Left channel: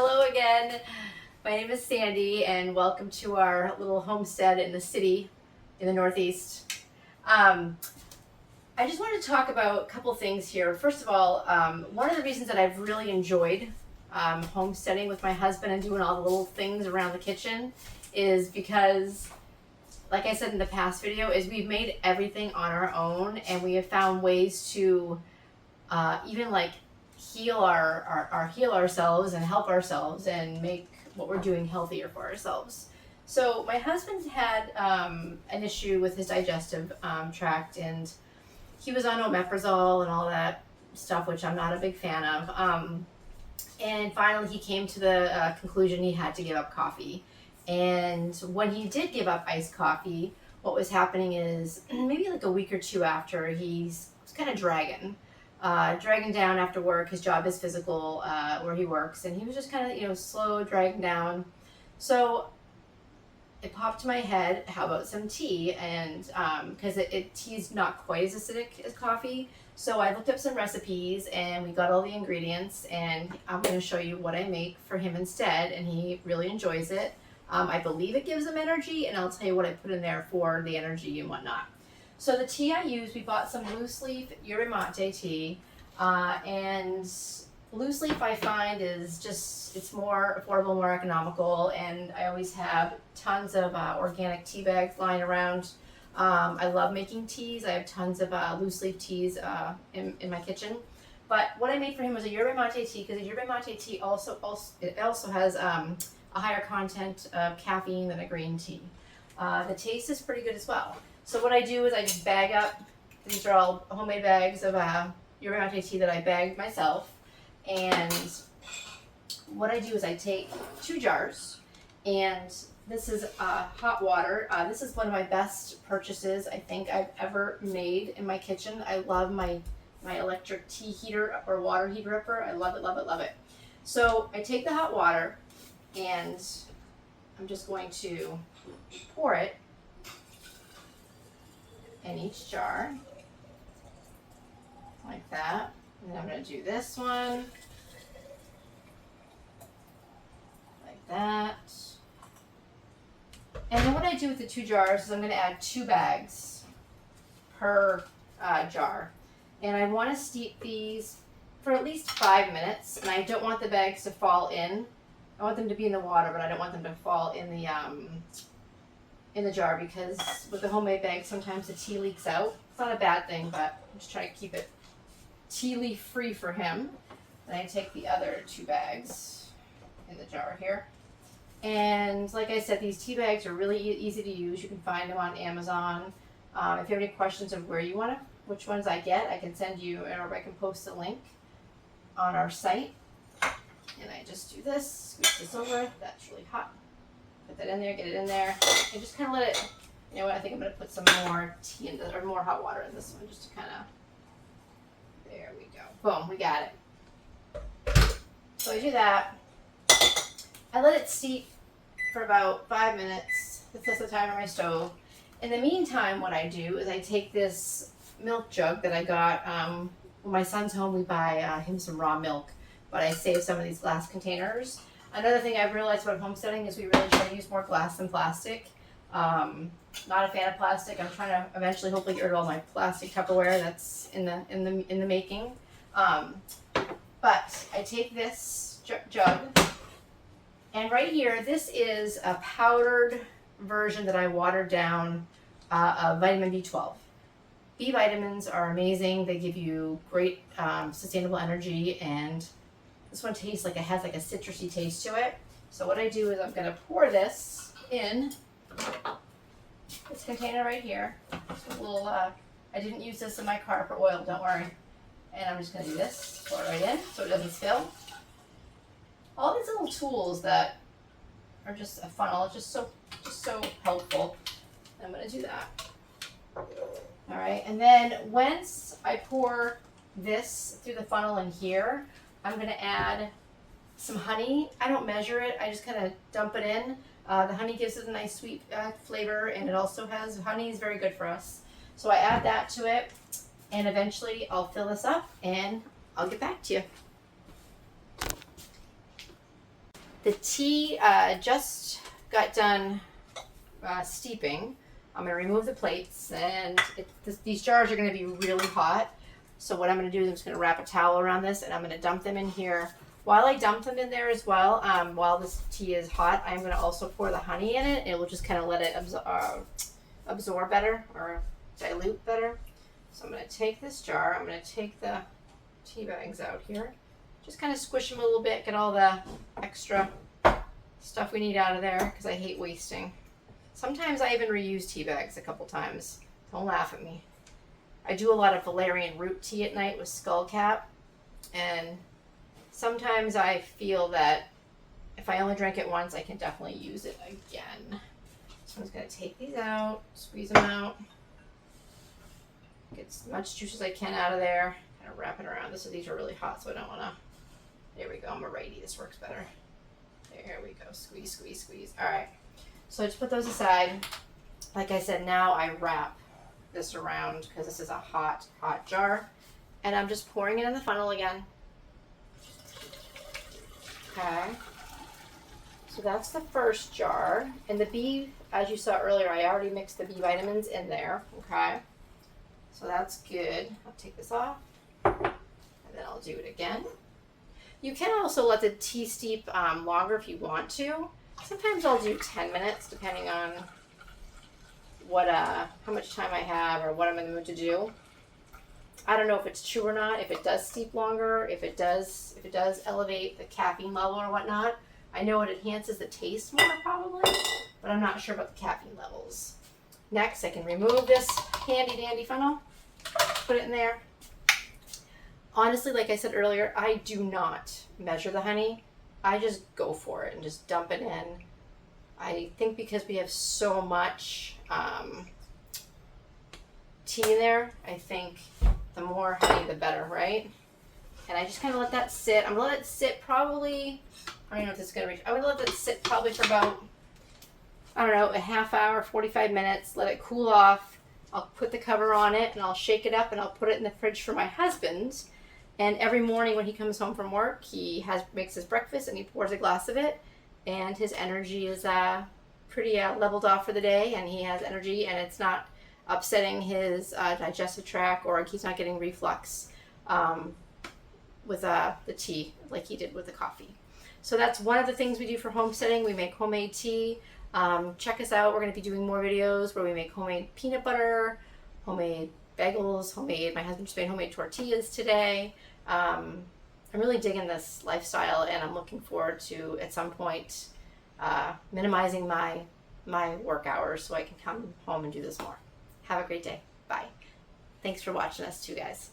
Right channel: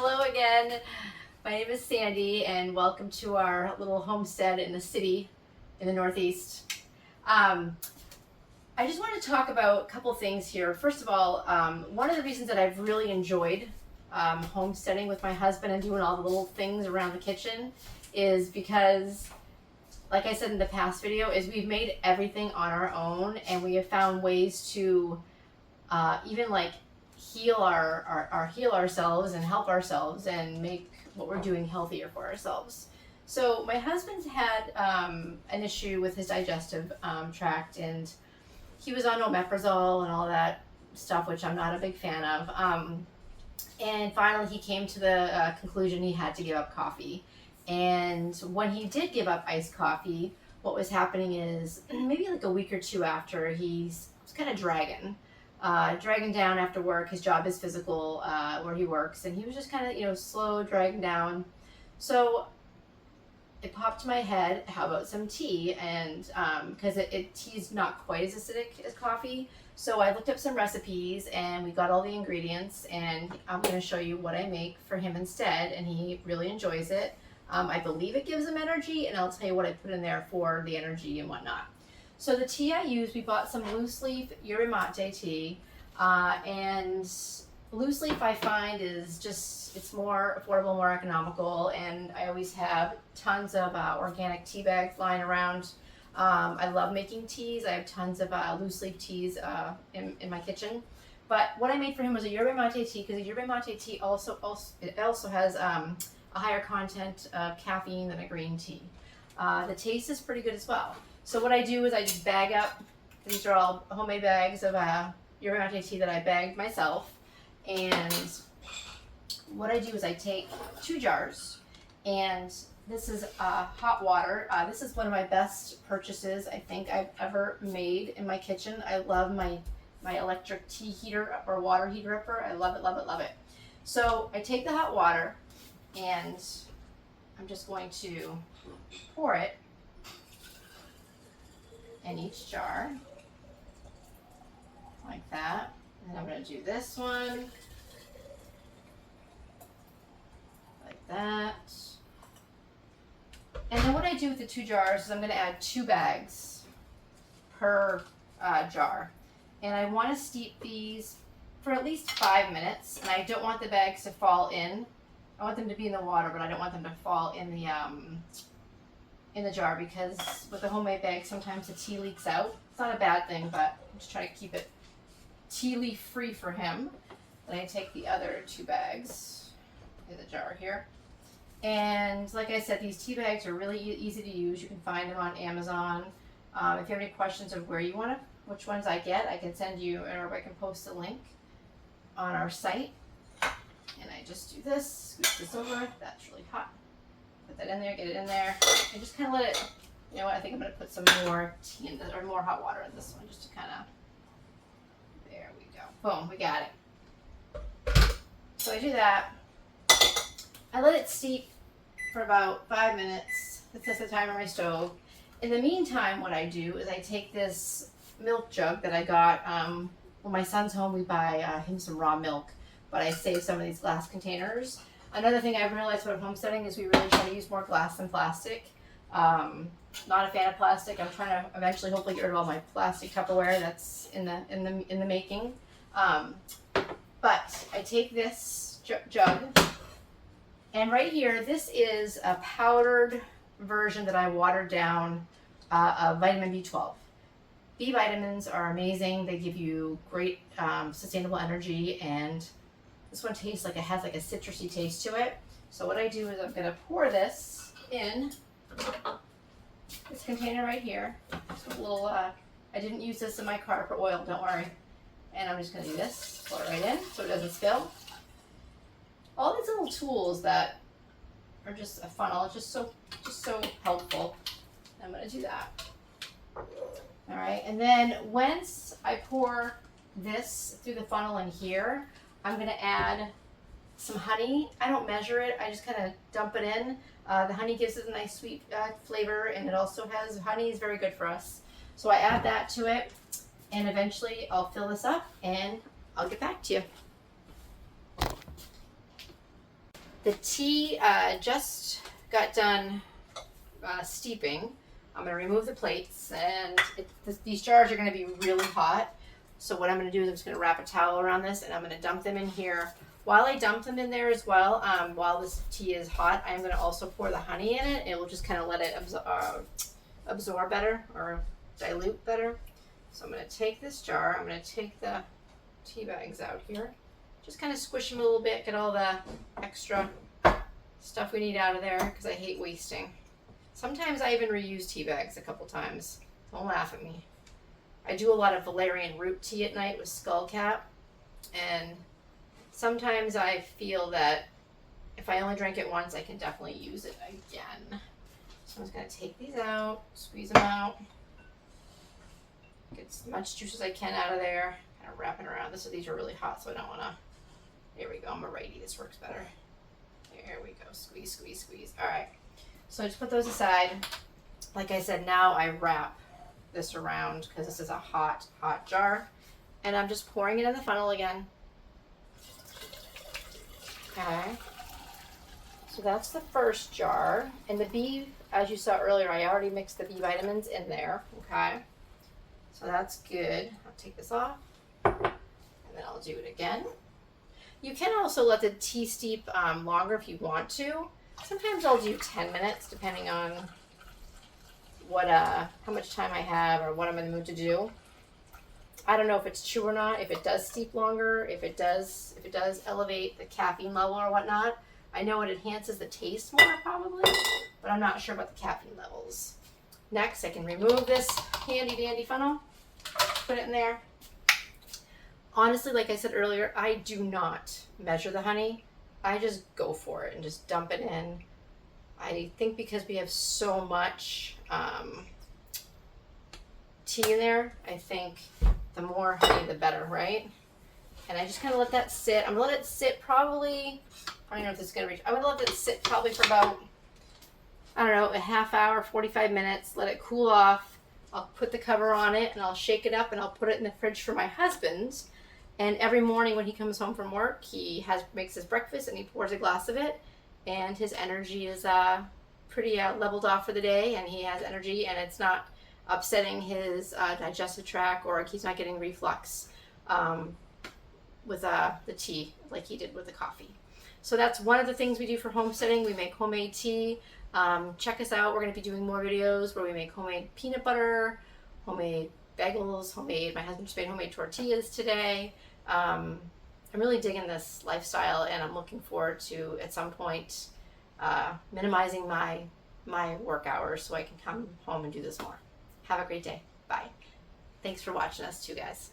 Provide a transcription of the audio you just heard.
Hello again. My name is Sandy and welcome to our little homestead in the city in the Northeast. I just wanted to talk about a couple things here. First of all, one of the reasons that I've really enjoyed homesteading with my husband and doing all the little things around the kitchen is because, like I said in the past video, is we've made everything on our own and we have found ways to even like heal ourselves and help ourselves and make what we're doing healthier for ourselves. So my husband had an issue with his digestive tract, and he was on omeprazole and all that stuff, which I'm not a big fan of. And finally he came to the conclusion he had to give up coffee. And when he did give up iced coffee, what was happening is maybe like a week or two after, he's kind of dragging down after work. His job is physical, where he works, and he was just kind of, slow dragging down. So it popped to my head, how about some tea? And because tea's not quite as acidic as coffee. So I looked up some recipes and we got all the ingredients, and I'm going to show you what I make for him instead, and he really enjoys it. I believe it gives him energy, and I'll tell you what I put in there for the energy and whatnot. So the tea I used, we bought some loose leaf yerba mate tea, and loose leaf I find is it's more affordable, more economical, and I always have tons of organic tea bags lying around. I love making teas. I have tons of loose leaf teas in my kitchen. But what I made for him was a yerba mate tea, because a yerba mate tea also has a higher content of caffeine than a green tea. The taste is pretty good as well. So what I do is I just bag up, these are all homemade bags of yerba mate tea that I bagged myself. And what I do is I take 2 jars, and this is hot water. This is one of my best purchases I think I've ever made in my kitchen. I love my electric tea heater or water heater upper. I love it, love it, love it. So I take the hot water and I'm just going to pour it in each jar like that. And then I'm going to do this one like that. And then what I do with the 2 jars is I'm going to add 2 bags per jar. And I want to steep these for at least 5 minutes, and I don't want the bags to fall in. I want them to be in the water, but I don't want them to fall in the jar, because with the homemade bag, sometimes the tea leaks out. It's not a bad thing, but I'm just trying to keep it tea leaf free for him. And I take the other 2 bags in the jar here. And like I said, these tea bags are really easy to use. You can find them on Amazon. If you have any questions of which ones I get, I can send you, or I can post a link on our site. And I just do this, scoop this over. That's really hot. Put that in there, get it in there, and just kind of let it. You know what? I think I'm going to put some more tea in this, or more hot water in this one, just to kind of. There we go. Boom, we got it. So I do that. I let it steep for about 5 minutes. That's the timer on my stove. In the meantime, what I do is I take this milk jug that I got. When my son's home, we buy him some raw milk, but I save some of these glass containers. Another thing I've realized about homesteading is we really try to use more glass than plastic. Not a fan of plastic. I'm trying to eventually hopefully get rid of all my plastic Tupperware that's in the making. But I take this jug. And right here, this is a powdered version that I watered down of vitamin B12. B vitamins are amazing. They give you great sustainable energy, and this one tastes like it has like a citrusy taste to it. So what I do is I'm going to pour this in this container right here. Just a little, I didn't use this in my car for oil, don't worry. And I'm just going to do this, pour it right in so it doesn't spill. All these little tools that are just a funnel, it's just so helpful. I'm going to do that. All right, and then once I pour this through the funnel in here, I'm going to add some honey. I don't measure it, I just kind of dump it in. The honey gives it a nice sweet flavor, and it also has, honey is very good for us. So I add that to it, and eventually I'll fill this up and I'll get back to you. The tea just got done steeping. I'm going to remove the plates, and these jars are going to be really hot. So what I'm going to do is I'm just going to wrap a towel around this, and I'm going to dump them in here. While I dump them in there as well, while this tea is hot, I'm going to also pour the honey in it. It will just kind of let it absorb better or dilute better. So I'm going to take this jar. I'm going to take the tea bags out here. Just kind of squish them a little bit, get all the extra stuff we need out of there because I hate wasting. Sometimes I even reuse tea bags a couple times. Don't laugh at me. I do a lot of valerian root tea at night with skullcap, and sometimes I feel that if I only drink it once, I can definitely use it again. So I'm just going to take these out, squeeze them out, get as much juice as I can out of there, kind of wrap it around. These are really hot, so I don't want to. There we go. I'm a righty. This works better. There we go. Squeeze, squeeze, squeeze. All right. So I just put those aside. Like I said, now I wrap this around because this is a hot, hot jar. And I'm just pouring it in the funnel again. Okay. So that's the first jar. And the B, as you saw earlier, I already mixed the B vitamins in there. Okay. So that's good. I'll take this off. And then I'll do it again. You can also let the tea steep longer if you want to. Sometimes I'll do 10 minutes depending on what how much time I have or what I'm in the mood to do. I don't know if it's true or not, if it does steep longer, if it does elevate the caffeine level or whatnot. I know it enhances the taste more probably, but I'm not sure about the caffeine levels. Next, I can remove this handy dandy funnel, put it in there. Honestly, like I said earlier, I do not measure the honey. I just go for it and just dump it in. I think because we have so much tea in there, I think the more honey, the better, right? And I just kind of let that sit. I'm going to let it sit probably, I don't know if this is going to reach, I'm going to let it sit probably for about, I don't know, a half hour, 45 minutes. Let it cool off. I'll put the cover on it and I'll shake it up and I'll put it in the fridge for my husband. And every morning when he comes home from work, he makes his breakfast and he pours a glass of it. And his energy is pretty leveled off for the day, and he has energy, and it's not upsetting his digestive tract, or he's not getting reflux with the tea like he did with the coffee. So that's one of the things we do for homesteading. We make homemade tea. Check us out. We're going to be doing more videos where we make homemade peanut butter, homemade bagels, my husband just made homemade tortillas today. I'm really digging this lifestyle, and I'm looking forward to, at some point, minimizing my work hours so I can come home and do this more. Have a great day. Bye. Thanks for watching us too, guys.